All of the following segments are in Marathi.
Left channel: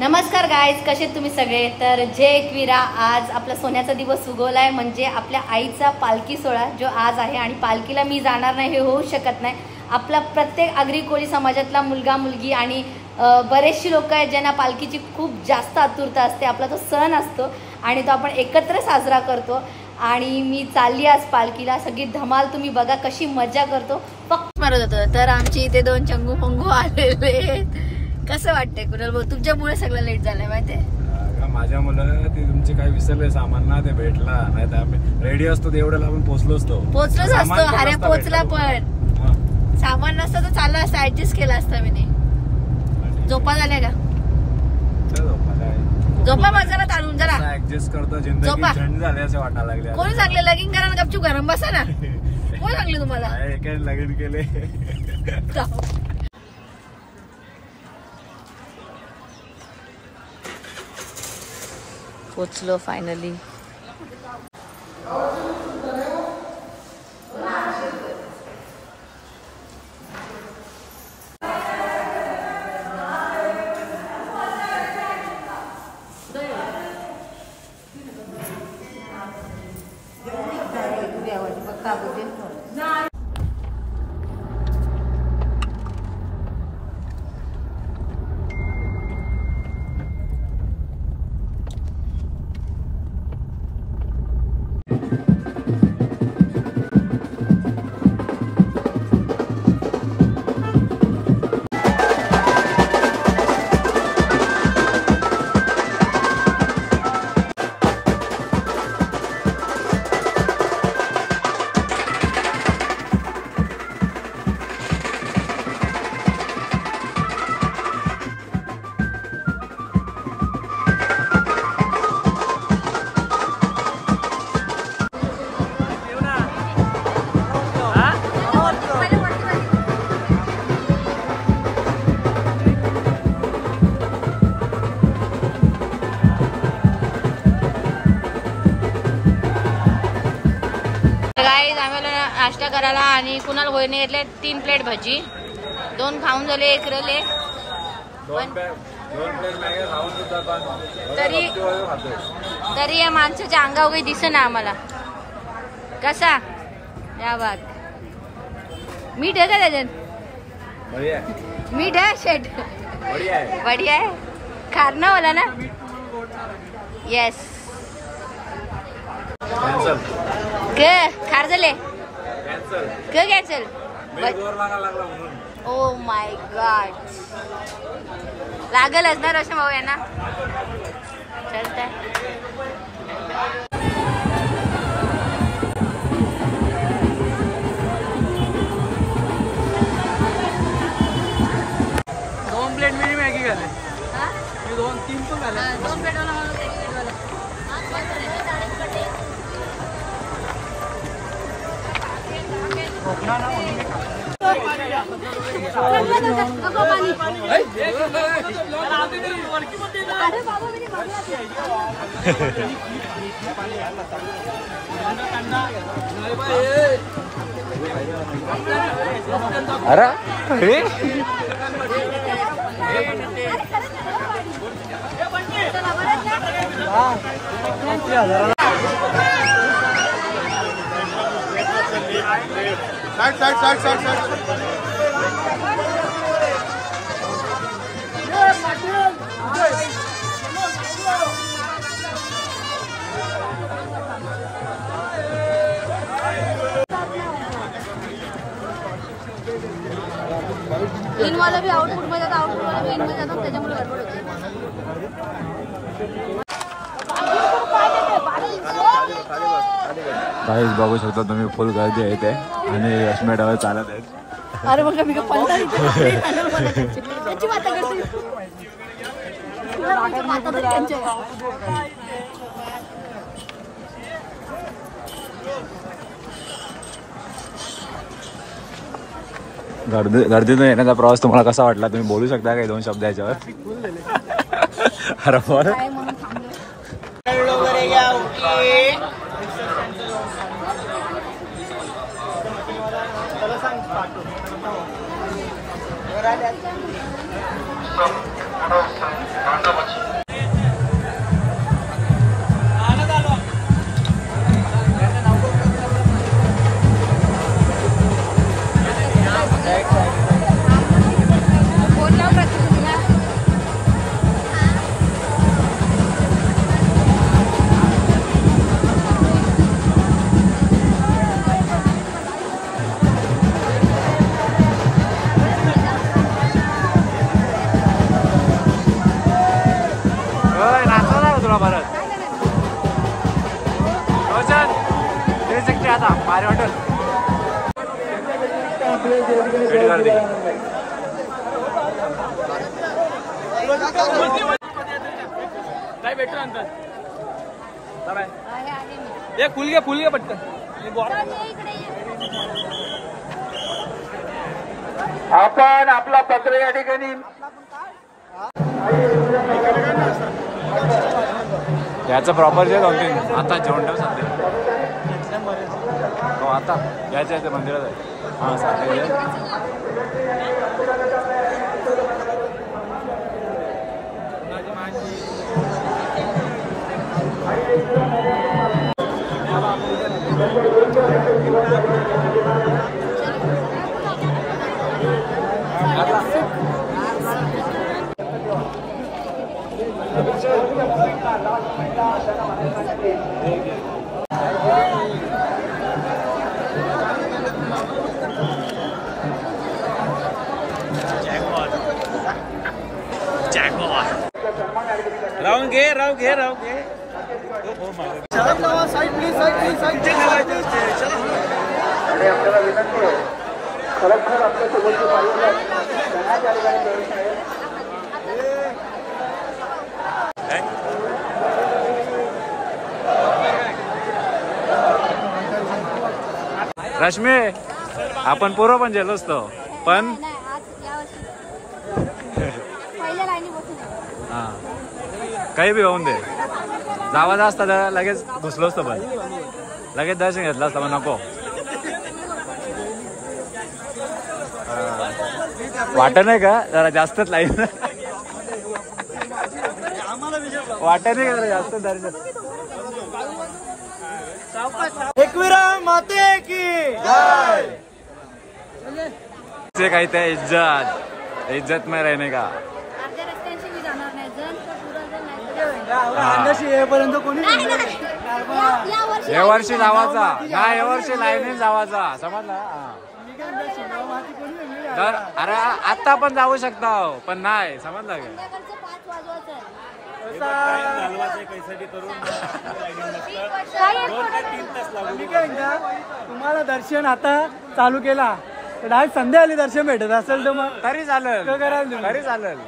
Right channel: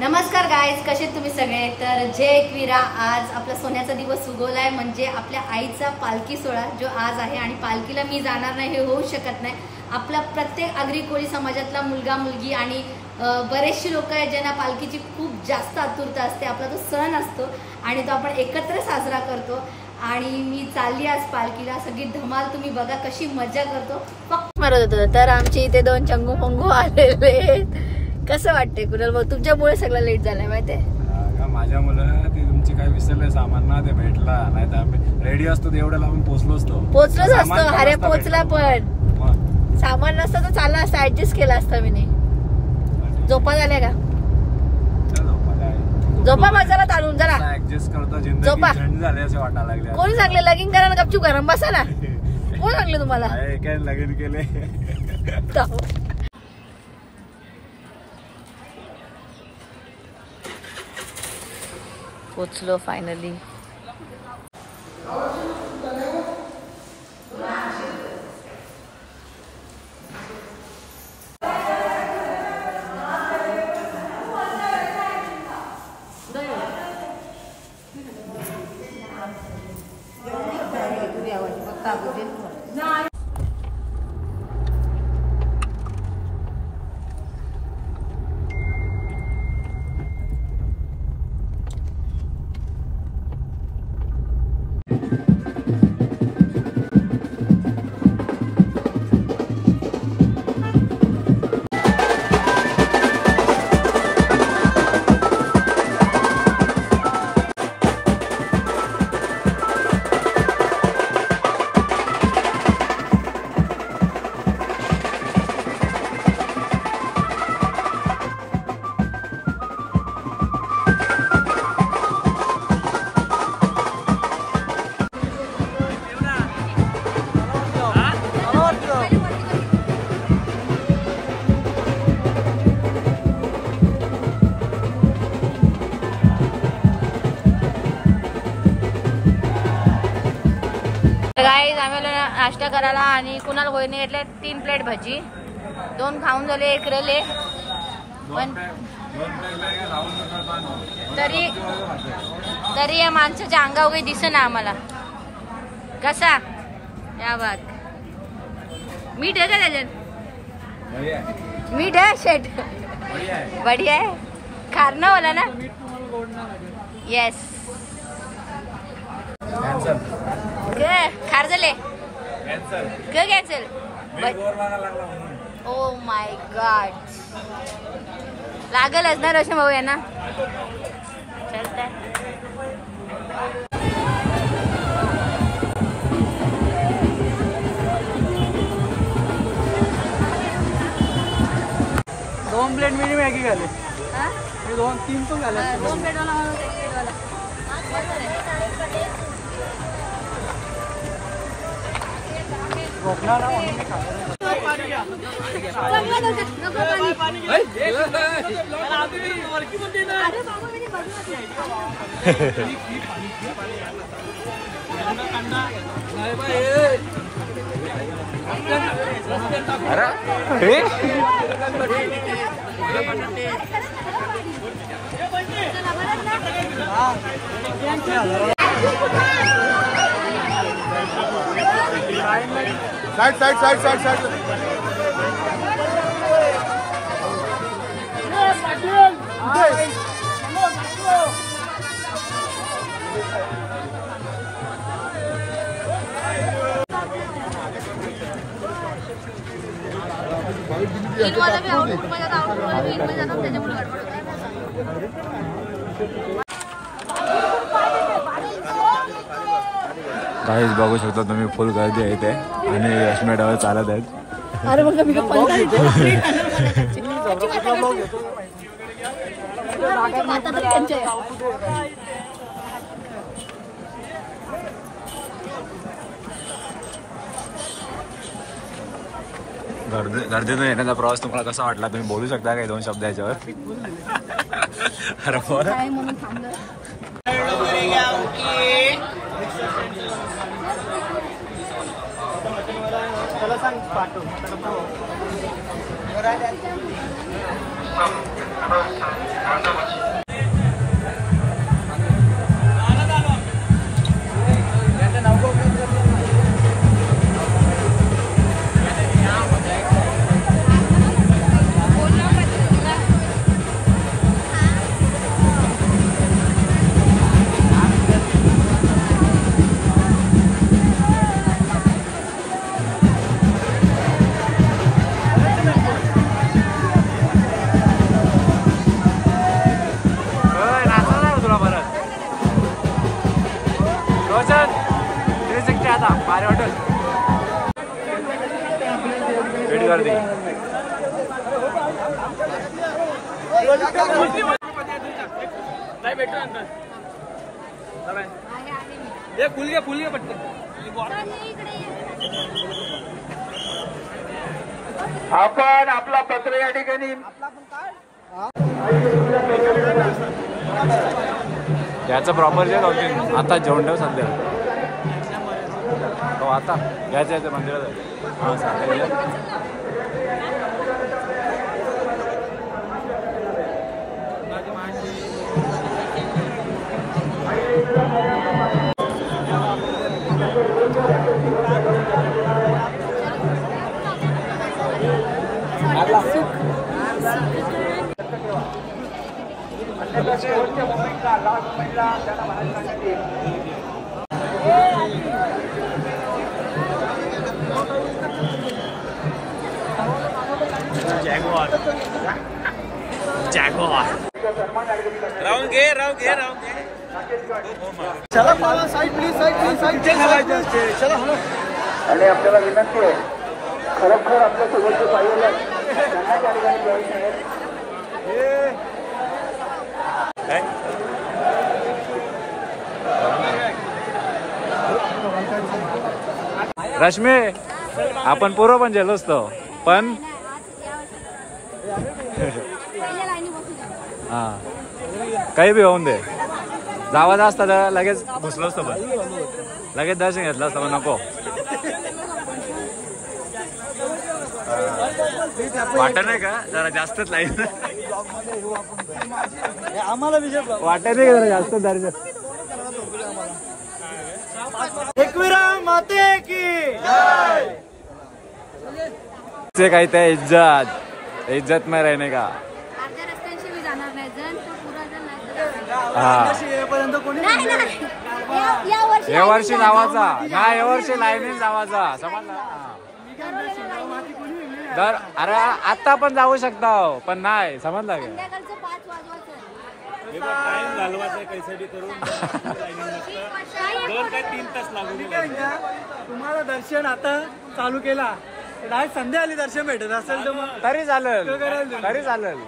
नमस्कार गाईज, कसे तुम्ही सगळे. तर जय एकविरा. आज आपला सोन्याचा दिवस उगवलाय, म्हणजे आपल्या आईचा पालखी सोहळा जो आज आहे. आणि पालखीला मी जाणार नाही हे होऊ शकत नाही. आपला प्रत्येक आगरी कोळी समाजातला मुलगा मुलगी आणि बरेचशी लोक आहेत ज्यांना पालखीची खूप जास्त आतुरता असते. आपला तो सण असतो आणि तो आपण एकत्र साजरा करतो. आणि मी चालली आज पालखीला. सगळी धमाल तुम्ही बघा कशी मजा करतो. फक्त मारत होतो. तर आमची इथे दोन चंगू पंगू आलेले. कसं वाटतंय कुणाल भाऊ, तुमच्यामुळे सगळं लेट झालं माहितीये. माझ्या मुलं ते तुमचे काय विसरले सामान ना, ते भेटला नाही तर आम्ही रेडी असतो एवढं लावून पोहोचलोच असतो. अरे पोचला पण सामान नसतं तर चाललं असतं, ऍडजस्ट केला असता मी. झोपा झाल्या का? झोपा मजाला ताणून जरा ऍडजस्ट करतो. जिंदगी थंड झाली असे वाटायला लागले. कोणी सांगले लगीन करायला? गपचूप गरम बसा ना. कोण सांगले तुम्हाला? काय लगीन केले. पोचलो फायनली. गाईज आम्हाला नाश्ता करायला आणि कुणाल होईने घेतले 3 प्लेट भजी, 2 खाऊन झाले, 1 रले. पण तरी या माणसाच्या अंगावर काही दिसे ना आम्हाला. कसा या बात मीठ आहे का त्याच्यात? मीठ आहे शेट. बढिया आहे. खारणं वाला ना. येस. खार झाले कॅन्सल. Oh my God. लागलच ना रोशन भाऊ यांना. चलतंय. बघू शकता तुम्ही, फुल गर्दी आहे इथे आणि यशमे डाव चालत आहेत. गर्दीतून येण्याचा प्रवास तुम्हाला कसा वाटला? तुम्ही बोलू शकता का 2 शब्द याच्यावर? Thank you. तुला परत रोशन 360 आता भारी हॉटेल भेट गर्दी फुल घे पटकन आपण आपला पत्र या ठिकाणी त्याचं प्रॉपर जे होते आता जेवण ठेव सध्या हो आता यायचं मंदिरात हा सांगायचं राहू घे साईड प्लीज साईड चला आपल्याला विनंती आहे खरोखर आपल्या सोबतचे पाहिजे त्यांना त्या ठिकाणी प्रवेश आहे रश्मी आपण पूर्व पण गेलो असतो पण हा काही बी होऊन दे जावा असता तर लगेच घुसलो असतो पण लगेच दर्शन घेतलं असतं पण नको वाटत नाही का जरा जास्तच लाईन वाटत नाही का जरा जास्त एकविरा माते की ते काही त्या इज्जत में रहने का अर्ध्या रस्त्यांशी मी जाणार नाही जण तर पुरा जण हे वर्षी जावाचा नाही हे वर्षी लाईनीत जावाचा समजला तर अरे आता पण जाऊ शकता पण नाही समजला का तुम्हाला दर्शन आता चालू केला डायरेक्ट संध्याकाळी दर्शन भेटत असेल तर मग तरी चालेल तरी चालेल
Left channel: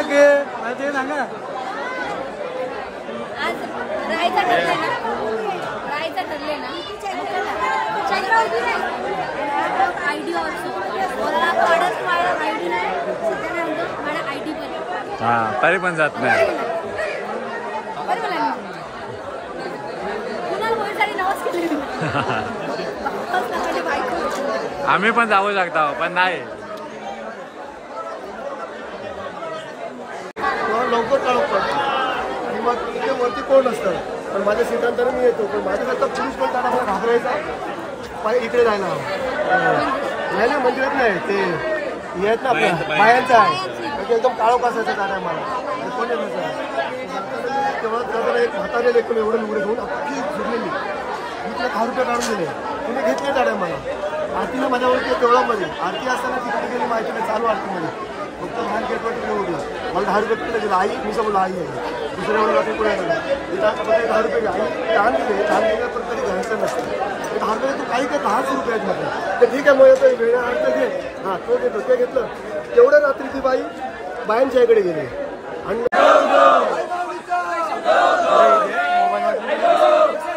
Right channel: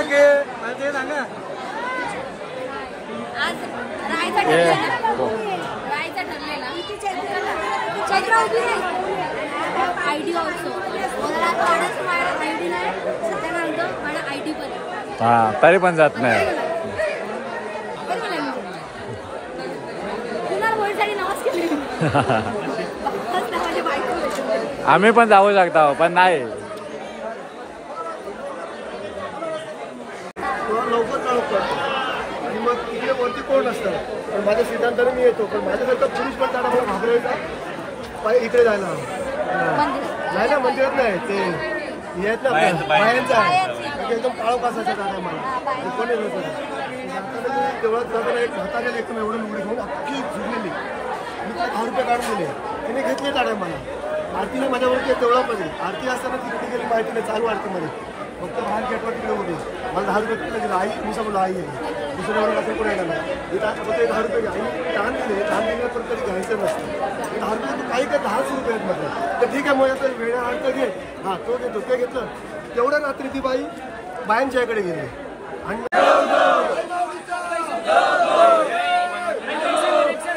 घेतले ते सांगा आज राहायचं ठरले ना आयडी ऑल्सो आयडी नाही माझा आयडी पण हा तरी पण जात नाही कुणाला बोलण्यासाठी नवाज केली आम्ही पण जाऊ शकतो पण नाही लवकर चालू पडतो आणि मग इकडे वरती कोण असतं पण माझ्या सीटांतर मी येतो पण माझ्यासारखा पोलीस पण त्याला मला घाबरायचा इकडे जायला नाही ना मंदिरात नाही ते येत ना आपल्या बायांचं आहे म्हणजे एकदम काळोख असायचं काय मला कोणी जाताना मी तेव्हा जाताना एक हाताने एकदम एवढं लुगडे घेऊन अख्खी झुरलेली मी तिला 10 रुपये काढून दिले तिने घेतले त्या टायमाला आरतीला माझ्यावरती तेवढामध्ये आरती असताना तिकडे गेली माहिती नाही चालू आरतीमध्ये फक्त लहान गेटवर तिकडे होती मला 10 रुपये तिकडे दिला आई मी बोला आई आहे दुसऱ्या वेळेला आपण कोणी नाही फक्त 10 रुपये आई ताण दिले पण कधी घ्यायचं नसतं 10 रुपये तू काही काय 10 रुपये आहेत म्हटलं तर ठीक आहे मग येतं वेळा आणतं घे हां तो घेतो ते घेतलं तेवढ्या रात्री ती बाई बायांच्या इकडे गेली आणि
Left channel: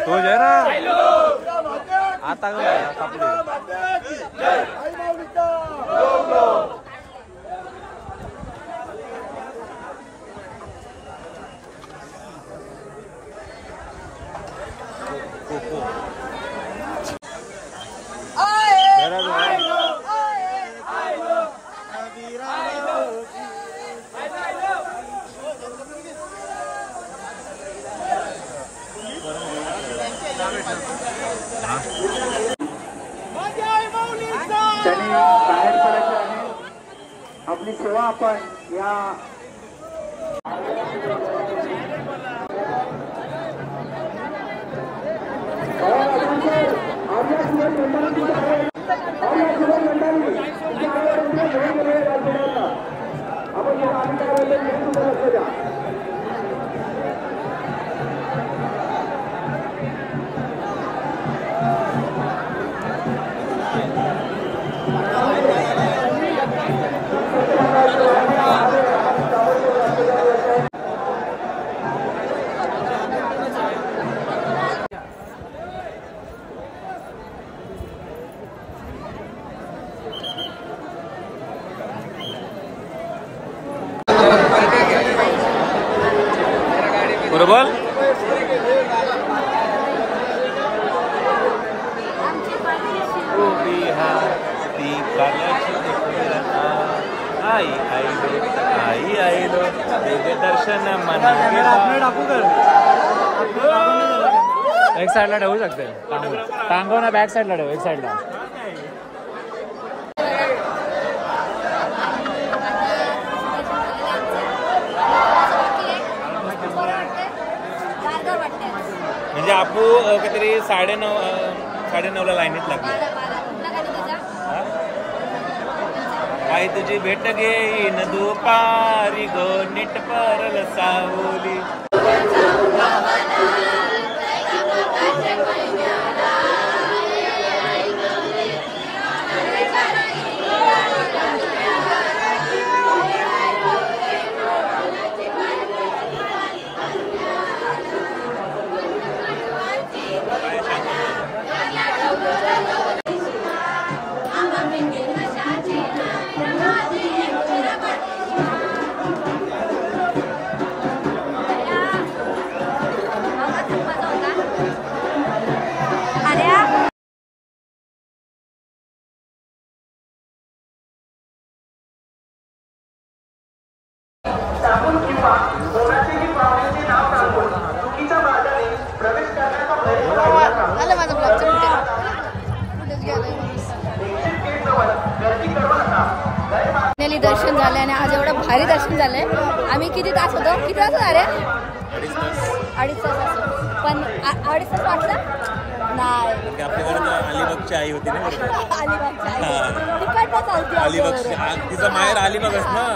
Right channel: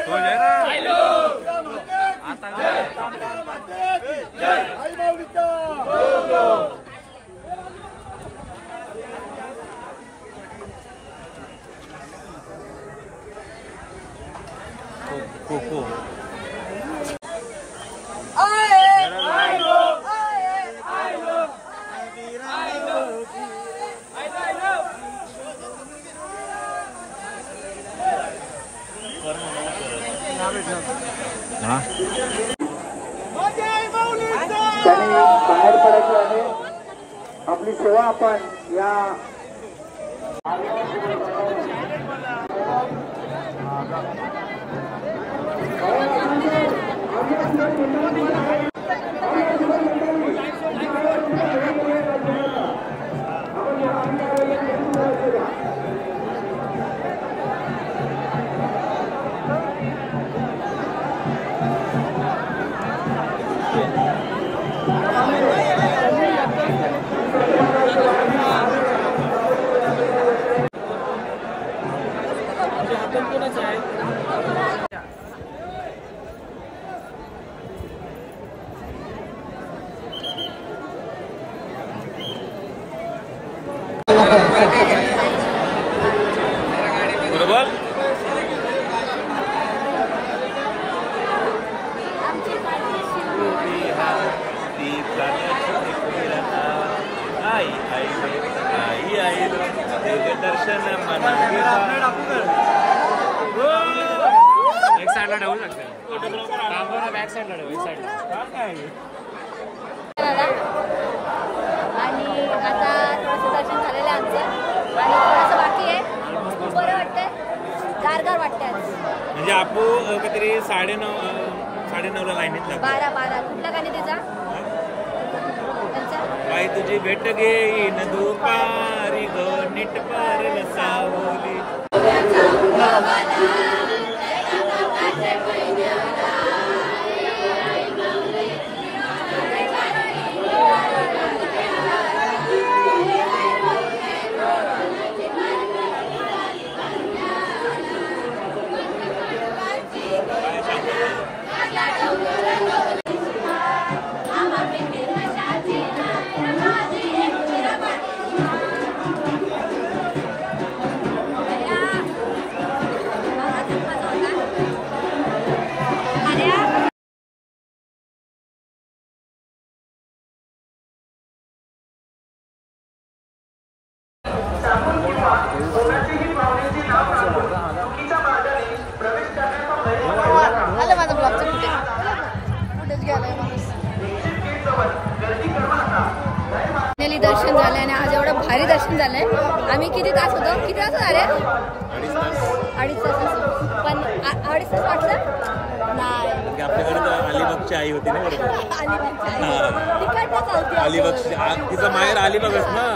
तो जे ना आता त्यांनी बाहेर पडायची आहे आपली सेवा आपण या एक साइडला ठेवू शकते टांगो ना बॅक साइडला ठेवू एक साइडला म्हणजे आपू काहीतरी 9:30 ला लाईनीत लागतो आई तुझी भेट घेईन दुपारी ग नीट परल सावली आलं माझं ब्लॉगचं कुठेच गेलं फायनली दर्शन झालंय आणि आज एवढं भारी दर्शन झालंय. आम्ही किती तास होतो? किती तास झाले? 2.5 तास असो. पण 2.5 तास वाटलं नाही. म्हणजे आपल्याकडे अलिबागची आई होती ना अलिबागची आई तिकडनं चालती अलिबागची तिचं माहेर अलिबागच ना.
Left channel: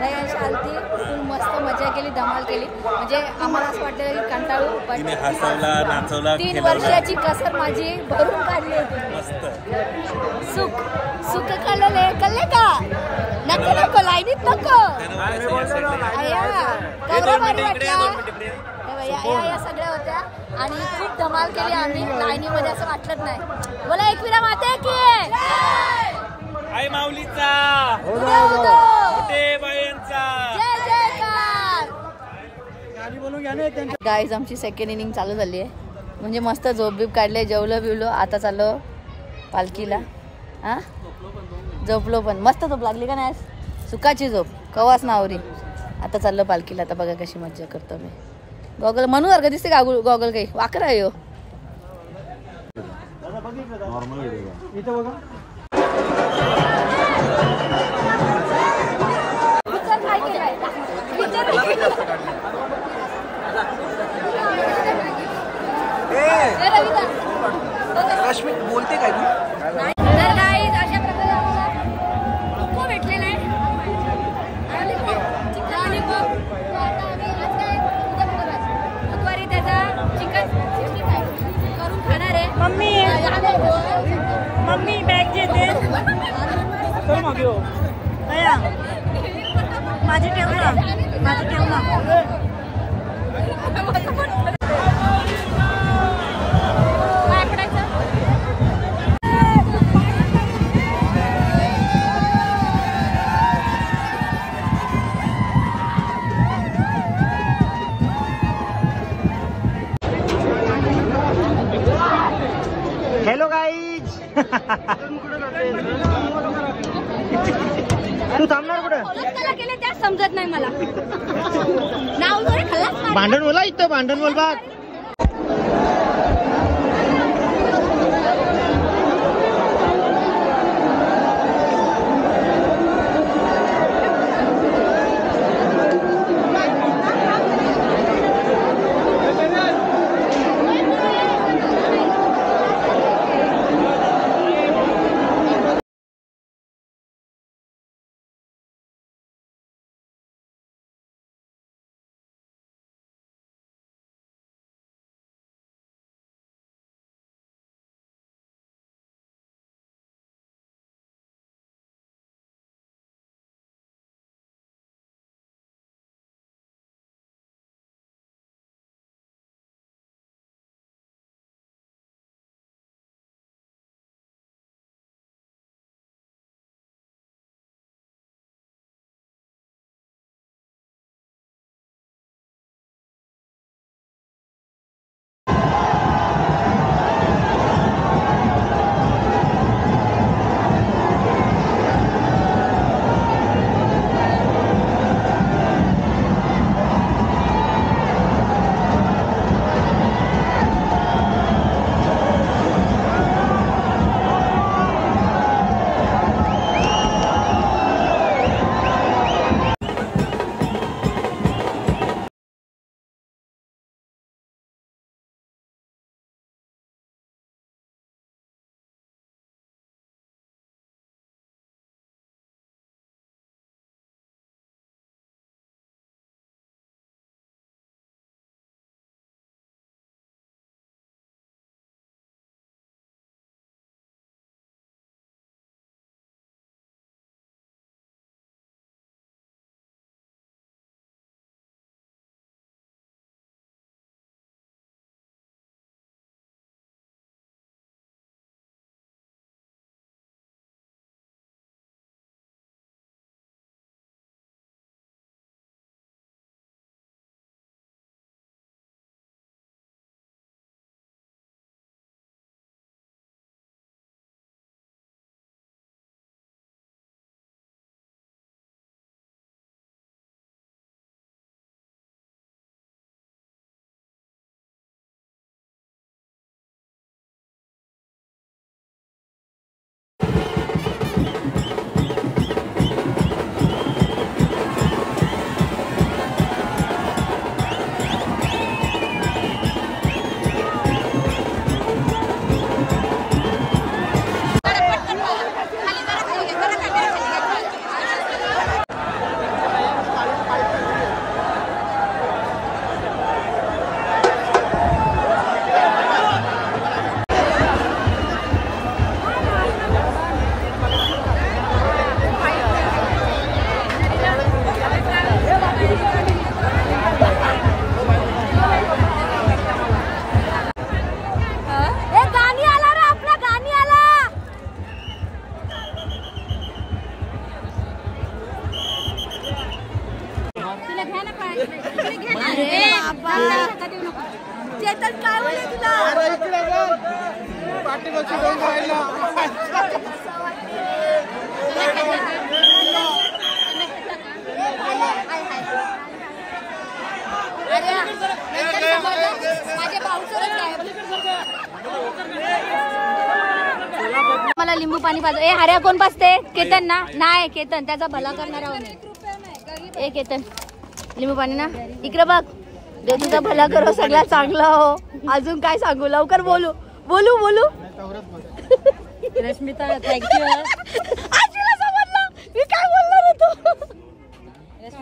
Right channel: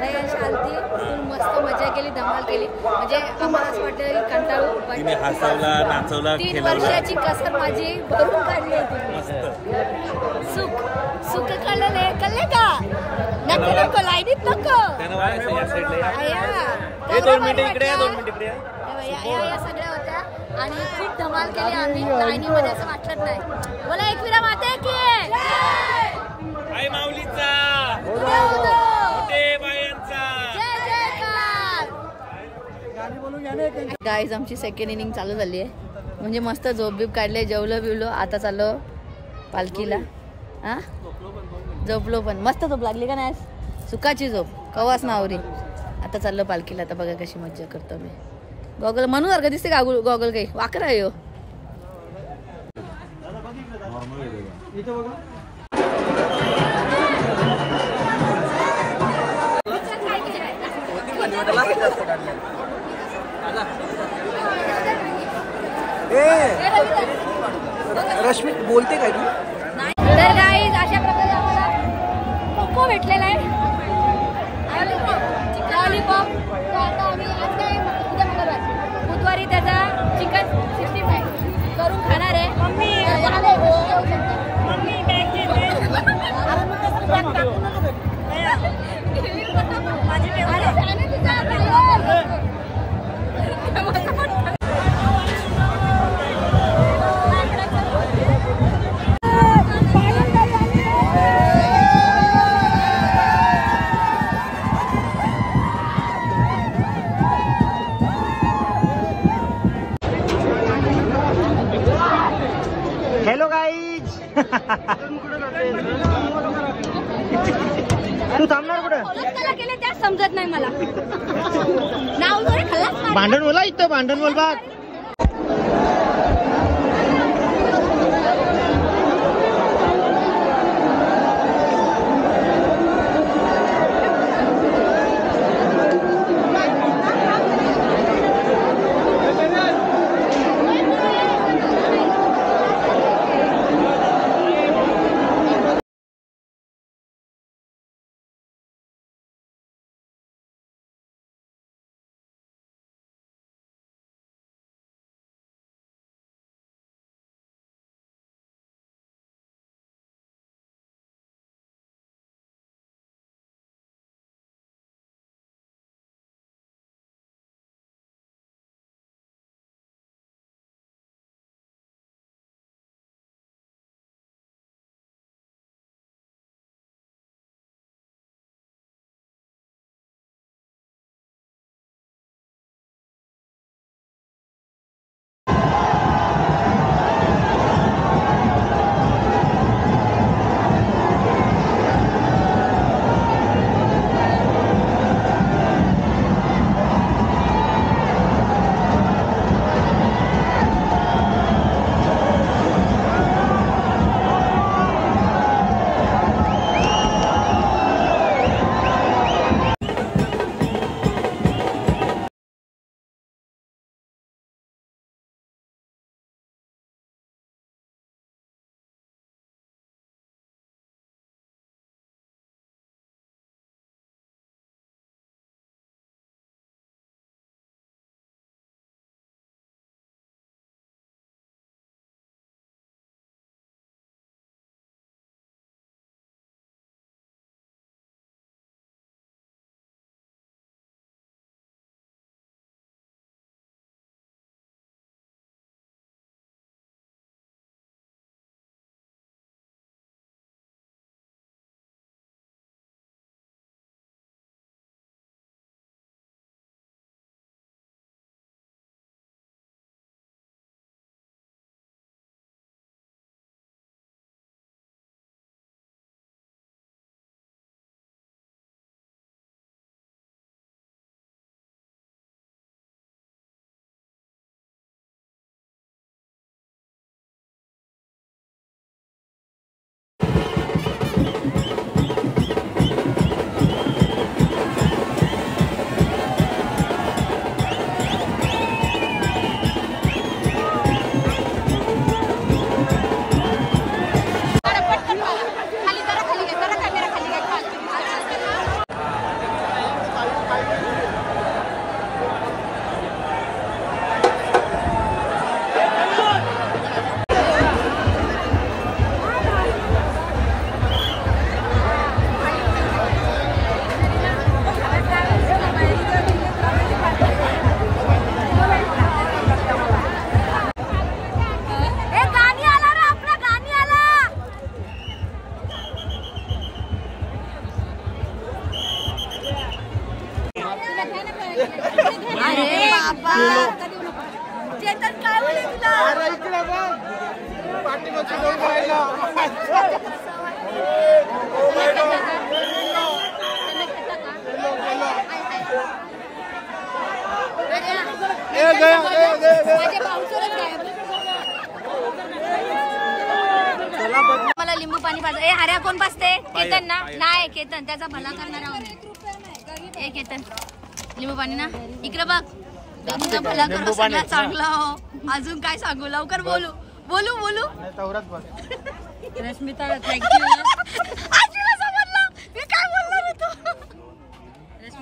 दयांशी आलती फुल मस्त मजा केली धमाल केली. म्हणजे आम्हाला असं वाटलं की कंटाळू पण हसवला नाचवला 3 वर्षाची कसर माझी भरून काढली मस्त. सुख कळले का नको लाईनीत नको कवरा भारी वाटला. या सगळ्या होत्या आणि खूप धमाल केली आम्ही लाईनीमध्ये असं वाटलंच नाही. बोला एकविरा माते की आई माऊलीचा गाईज आमची सेकंड इनिंग चालू झाली आहे. म्हणजे मस्त झोप बीप काढले जेवलो बिवलो आता चाललो पालखीला. हा झोपलो पण मस्त झोप लागली का नाही? सुखाची झोप कवाच नावरी. आता चाललो पालखीला. आता बघा कशी मज्जा करतो मी. गॉगल म्हणून सारखं दिसते का गॉगल काही वाकरा आहे हो. रश्मी बोलते काय तुम्ही? तर गाईज अशा प्रकारे आम्हाला कोको भेटलेला आहे. लॉलीपॉप आता आम्ही आज काय बुधवारी त्याचा चिकन 65 करून खाणार आहे. मम्मी बॅग घेते हॅलो गाईज. तू थांबणार कुठं? केले त्या समजत नाही मला. नाव भांडण बोला इथं भांडण बोल बघ. चेतन काय बोलले तुला? मला लिंबू पाणी पाहिजे. ए हऱ्या कोण पाजते? केतन ना? नाही केतन, त्याचा भला करणारा हो. ए केतन लिंबू पाणी ना इकडे बघ. तुझा भला करो, सगळ्यात चांगला हो. अजून काय सांगू? लवकर बोलू बोलू बोलू. रश्मिता थँक्यू. मी काय बोलणार होतो?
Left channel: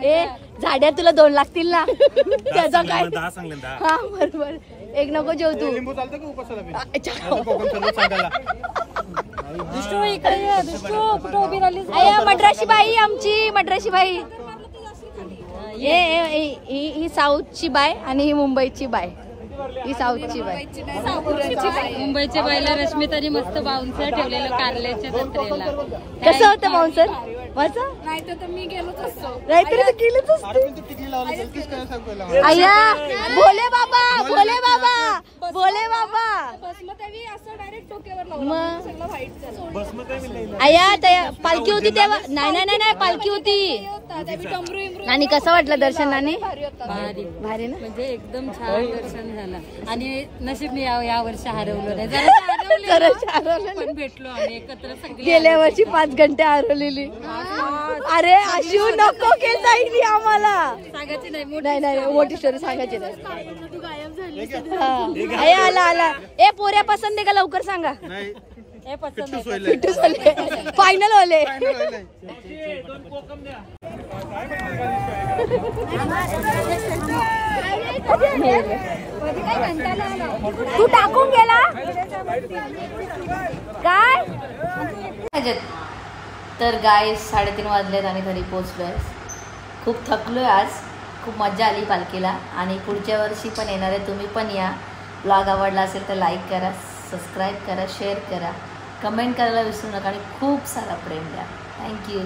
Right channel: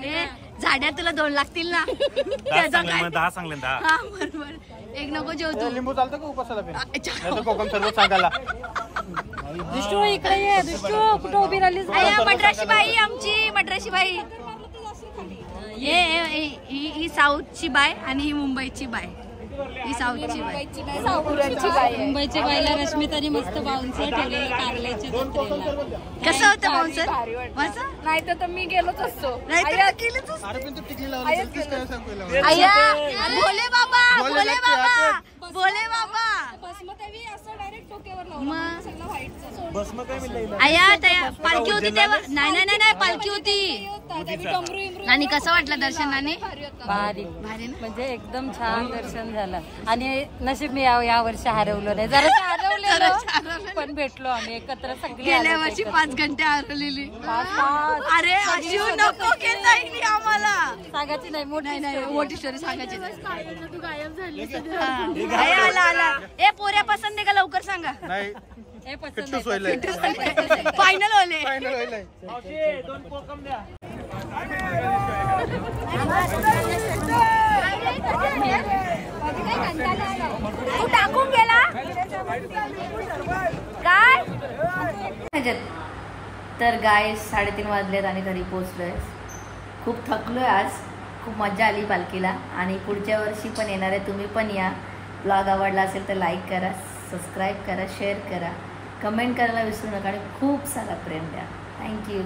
ए झाड्या तुला 2 लागतील ना? त्याचा काय? 10 सांगले 10. हा बरोबर. एक नको जेव तू. लिंबू चालतं का उपासाला? कोकम सर्व सांगायला. मद्रासी बाई आमची, मद्रासी बाई. ही साऊथची बाय आणि ही मुंबईची बाय. ही साऊथची बाय. मुंबईच्या बाईला रश्मिताने मस्त बाउन्सर ठेवलेलं कारल्याच्या जत्रेला. कसं होतं बाउन्सर? नाही तर मी गेलोच असतो. केलंच भोले बाबा, भोले बाबा, भोले बाबा. आया पालखी होती तेव्हा? नाही पालखी होती. आणि कसं वाटलं दर्शनाने? भारी भारी ना? म्हणजे एकदम छान दर्शन झालं. आणि नशीब मी या वर्षी हरवलो नाही. जरा पण भेटलो आम्ही एकत्र सगळे. गेल्या वर्षी 5 घंटे हरवलेली. अरे अशी नको केली आम्हाला. सांगायची नाही नाही मोठी स्टोरी सांगायची नाही. आला ए पोऱ्या पसंत आहे का? लवकर सांगा. हे पसंत फायनल वाले. तू टाकून गेला काय? तर गाय 3:30 वाजलेत आणि घरी पोहोचलोय. खूप थकलोय आज. खूप मजा आली पालखीला. आणि पुढच्या वर्षी पण येणार आहे. तुम्ही पण या. ब्लॉग आवडला असेल तर लाईक करा, सबस्क्राईब करा, शेअर करा, कमेंट करायला विसरू नका आणि खूप सारा प्रेम द्या. थँक्यू.